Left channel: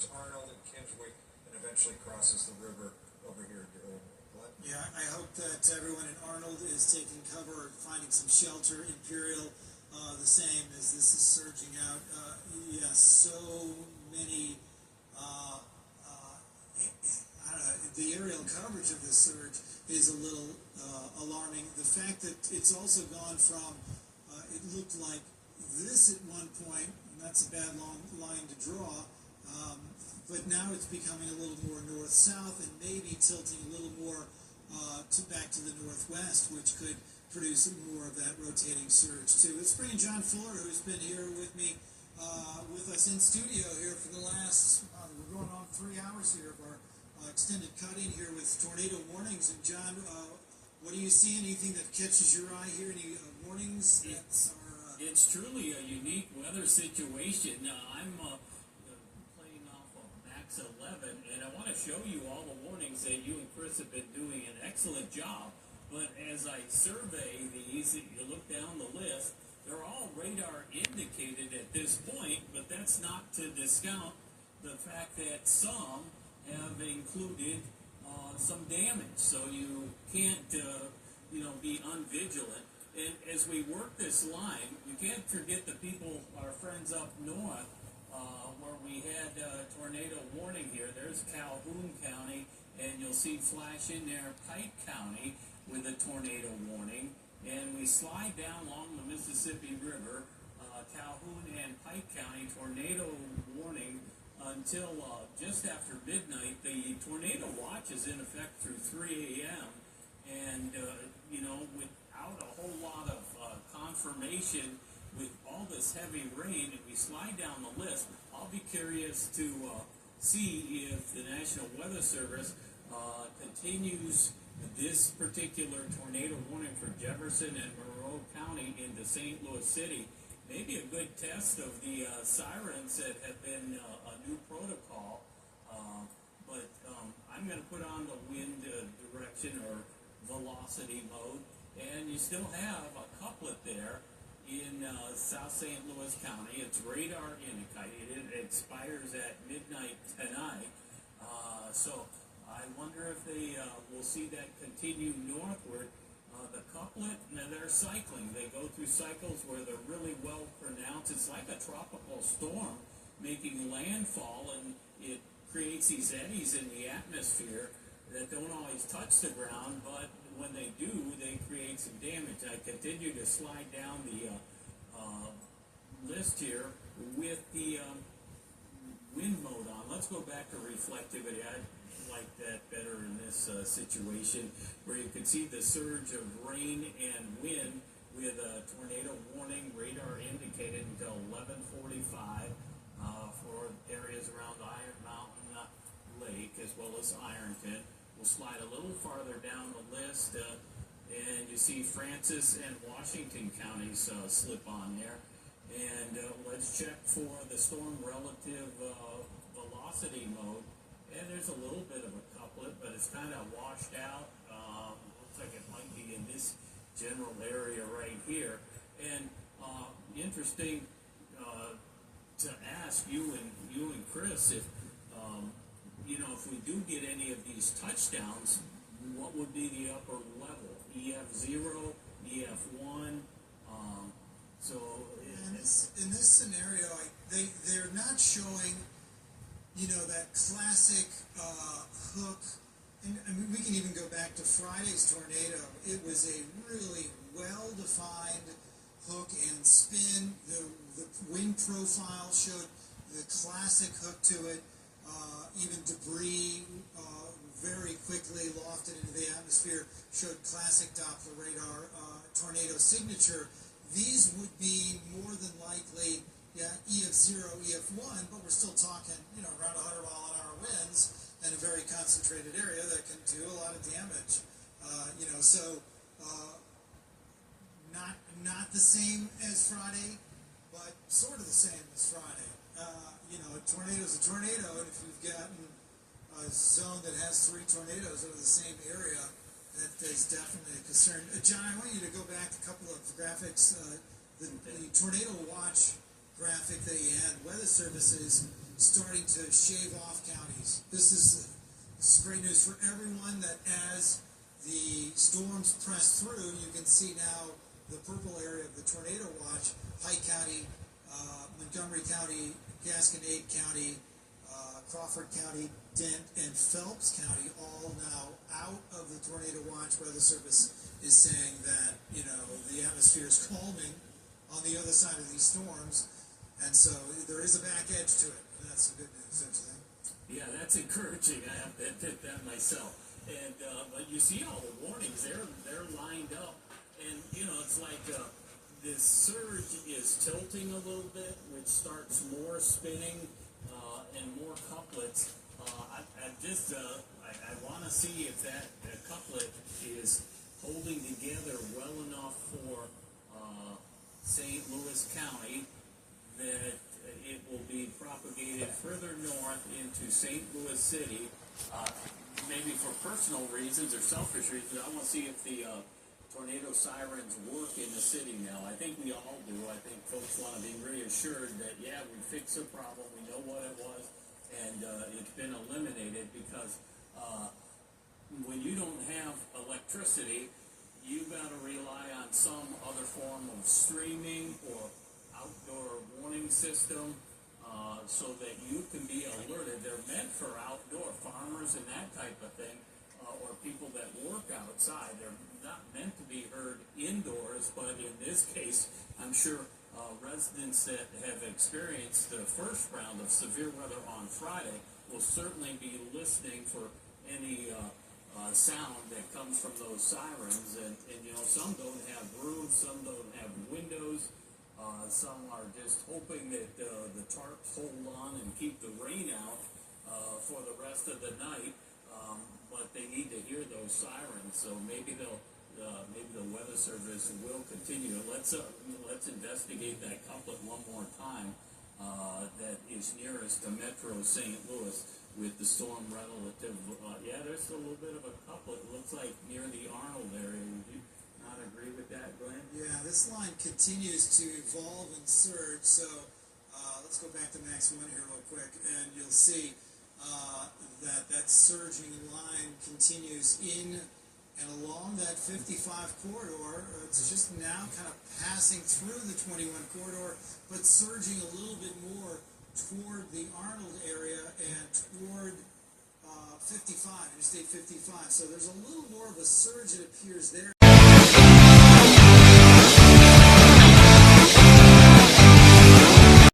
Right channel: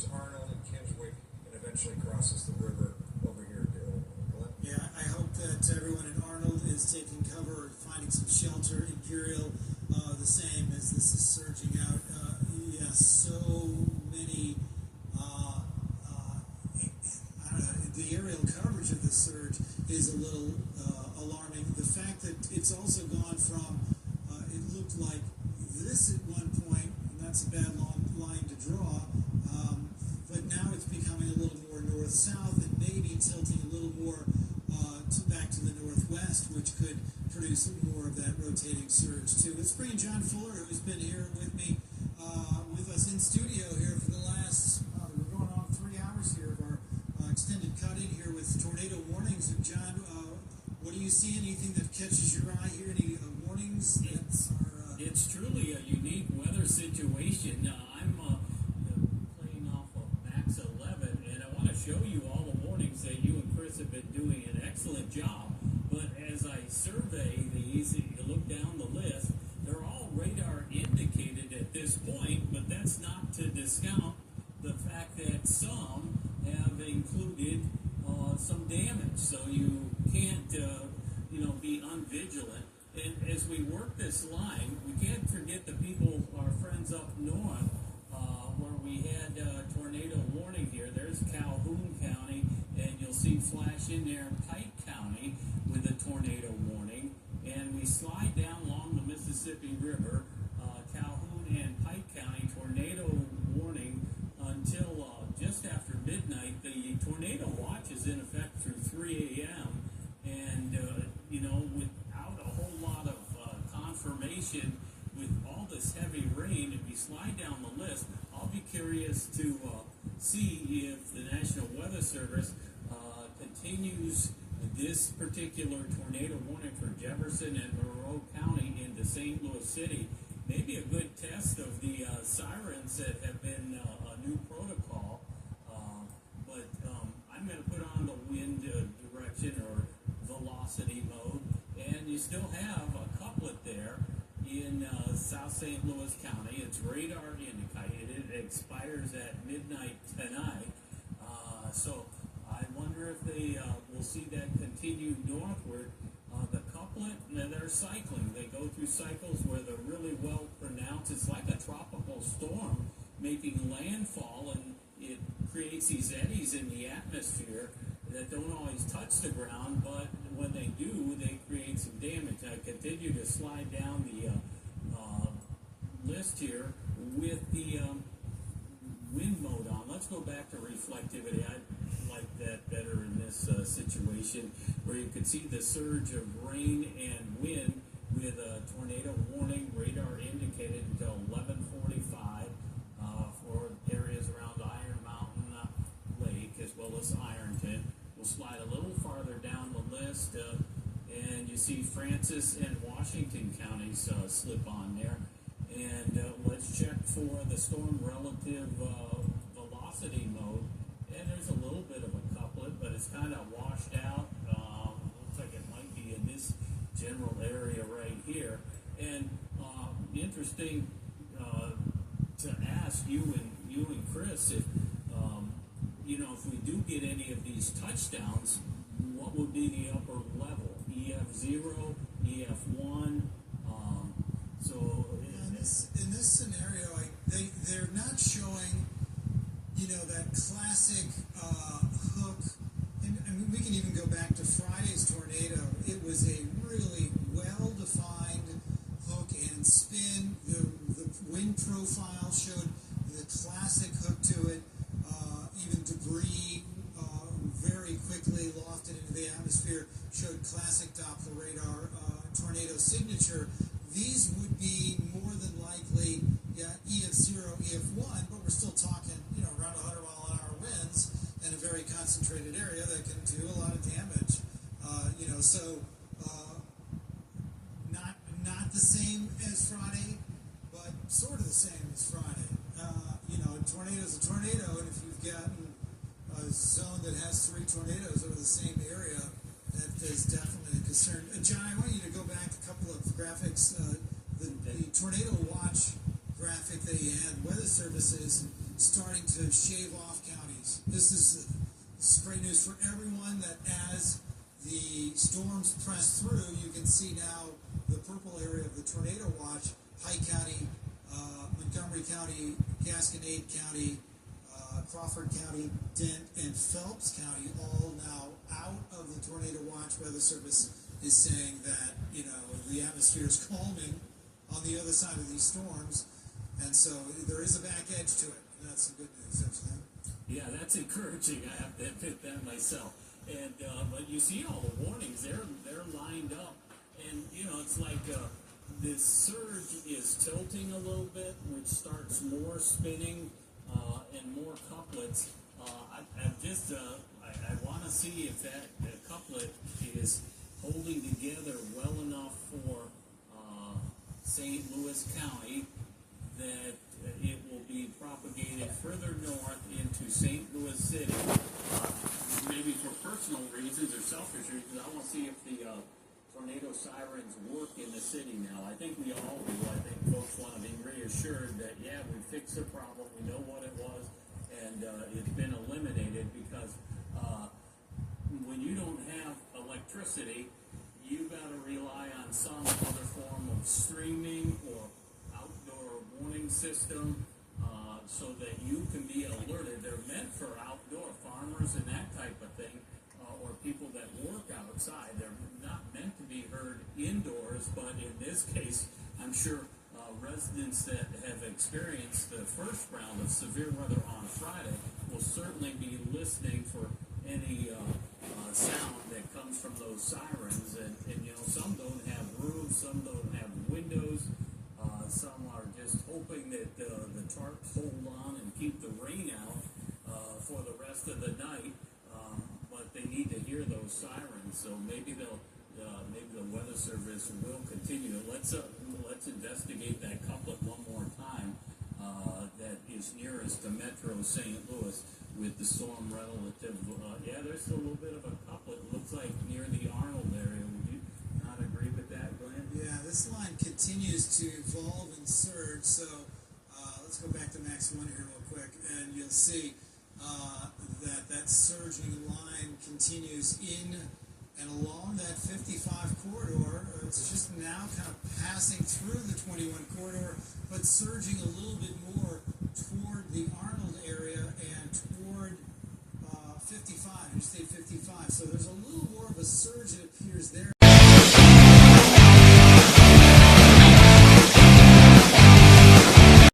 towards Arnold and Kingswick, and eventually crosses the river over here to Glen. Yeah, I hope that everyone in Arnold is taking cover or finding some shelter. Imperial, the same as this is surging out. Yes, so many. I don't know. The aerial coverage of the surge is a little alarming. The fact that it's also gone from it looked like this at one point, and that's a bad long line to draw. But now it's becoming a little more north-south and maybe tilting a little more back to the northwest, which could produce more of that rotating surge too. Let's bring in John Fuller, who's been here with me, with us in studio here for the last, we're going on 3 hours here of our extended cut-in here with tornado warnings. And John, what do you see? Anything that catches your eye here? Any warnings? It's truly a unique weather situation. I'm playing off of Max 11, and I want to show you all the warnings that you and Chris have been doing an excellent job. But as I survey these, you look down the list, they're all radar indicated at this point, but that's not to discount the fact that some have included some damage, so you can't be unvigilant. And as we work this line, we can't forget the people, our friends up north, where we had a tornado warning here. There's Calhoun County, and you'll see flash in there Pike County with a tornado warning. And we slide down along the Mississippi River, Calhoun and Pike County tornado warning until just after midnight. The tornado watch is in effect through 3 a.m. And, without a whole lot of confirmation with all this heavy rain, if we slide down the list, I'll be curious to see if the National Weather Service continues this particular tornado warning for Jefferson and Monroe County into St. Louis City. Maybe a good test of the sirens that have been a new protocol. But I'm going to put on the wind direction or velocity mode, and you still have a couplet there in South St. Louis County. It's radar indicated. It expires at midnight tonight. So I wonder if they will see that continue northward. The couplet, they're cycling. They go through cycles where they're really well pronounced. It's like a tropical storm making landfall, and it creates these eddies in the atmosphere that don't always touch the ground, but when they do, they create some damage. I continue to slide down the list here with the wind mode on. Let's go back to reflectivity. I like that better in this situation, where you can see the surge of rain and wind with a tornado warning radar indicated until 11:45 for areas around Iron Mountain Lake as well as Ironton. We'll slide a little farther down the list, and you see Francis and Washington counties slip on there. And let's check for the storm relative velocity mode. And there's a little bit of a couplet, but it's kind of washed out. Looks like it might be in this general area right here. And interesting to ask you and Chris if if we do get any of these touchdowns, what would be the upper level? EF0, EF1. In this scenario, they're not showing, that classic hook. And I mean, we can even go back to Friday's tornado. It was a really well-defined hook and spin. The wind profile showed the classic hook to it. Even debris very quickly lofted into the atmosphere showed classic Doppler radar tornado signature. These would be more than likely, EF0, EF1, but we're still talking, around 100-mile-an-hour winds in a very concentrated area that can do a lot of damage. Not the same as Friday, but sort of the same as Friday. A tornado's a tornado, and if you've gotten a zone that has 3 tornadoes over the same area, that is definitely a concern. John, I want you to go back a couple of graphics. The tornado watch graphic that you had, weather services starting to shave off counties. This is great news for everyone that as the storms press through, you can see now the purple area of the tornado watch, Pike County, Montgomery County, Gasconade County, Crawford County, Dent, and Phelps County all now out of the tornado watch. Weather Service is saying that, the atmosphere is calming on the other side of these storms, and so there is a back edge to it. That's some good news, don't you think? Yeah, that's encouraging. I have to admit that myself. And but you see all the warnings; they're lined up, and it's like this surge is tilting a little bit, which starts more spinning and more couplets. I want to see if that couplet is holding together well enough for St. Louis County that it will be propagated further north into St. Louis City. Maybe for personal reasons or selfish reasons, I want to see if the tornado sirens work in the city now. I think we all do. I think folks want to be reassured that, yeah, we fixed the problem, we know what it was, and it's been eliminated, because when you don't have electricity, you've got to rely on some other form of streaming or outdoor warning system so that you can be alerted. They're meant for outdoor farmers and that type of thing, or people that work outside. They're not meant to be heard indoors, but in this case, I'm sure residents that have experienced the first round of severe weather on Friday will certainly be listening for any sound that comes from those sirens. And some don't have roofs, some don't have windows, some are just hoping that the tarps hold on and keep the rain out for the rest of the night, but they need to hear those sirens. So maybe maybe the Weather Service will continue. Let's investigate that couplet one more time that is nearest to Metro St. Louis with the storm relative. There's a little bit of a couplet. It looks like near the Arnold area. Would you not agree with that, Glenn? Yeah, this line continues to evolve and surge. So let's go back to Max 1 here real quick, and you'll see that surging line continues in and along that 55 corridor. It's just now kind of passing through the 21 corridor, but surging a little bit more toward the Arnold area and toward 55, Interstate 55. So there's a little more of a surge, it appears, there.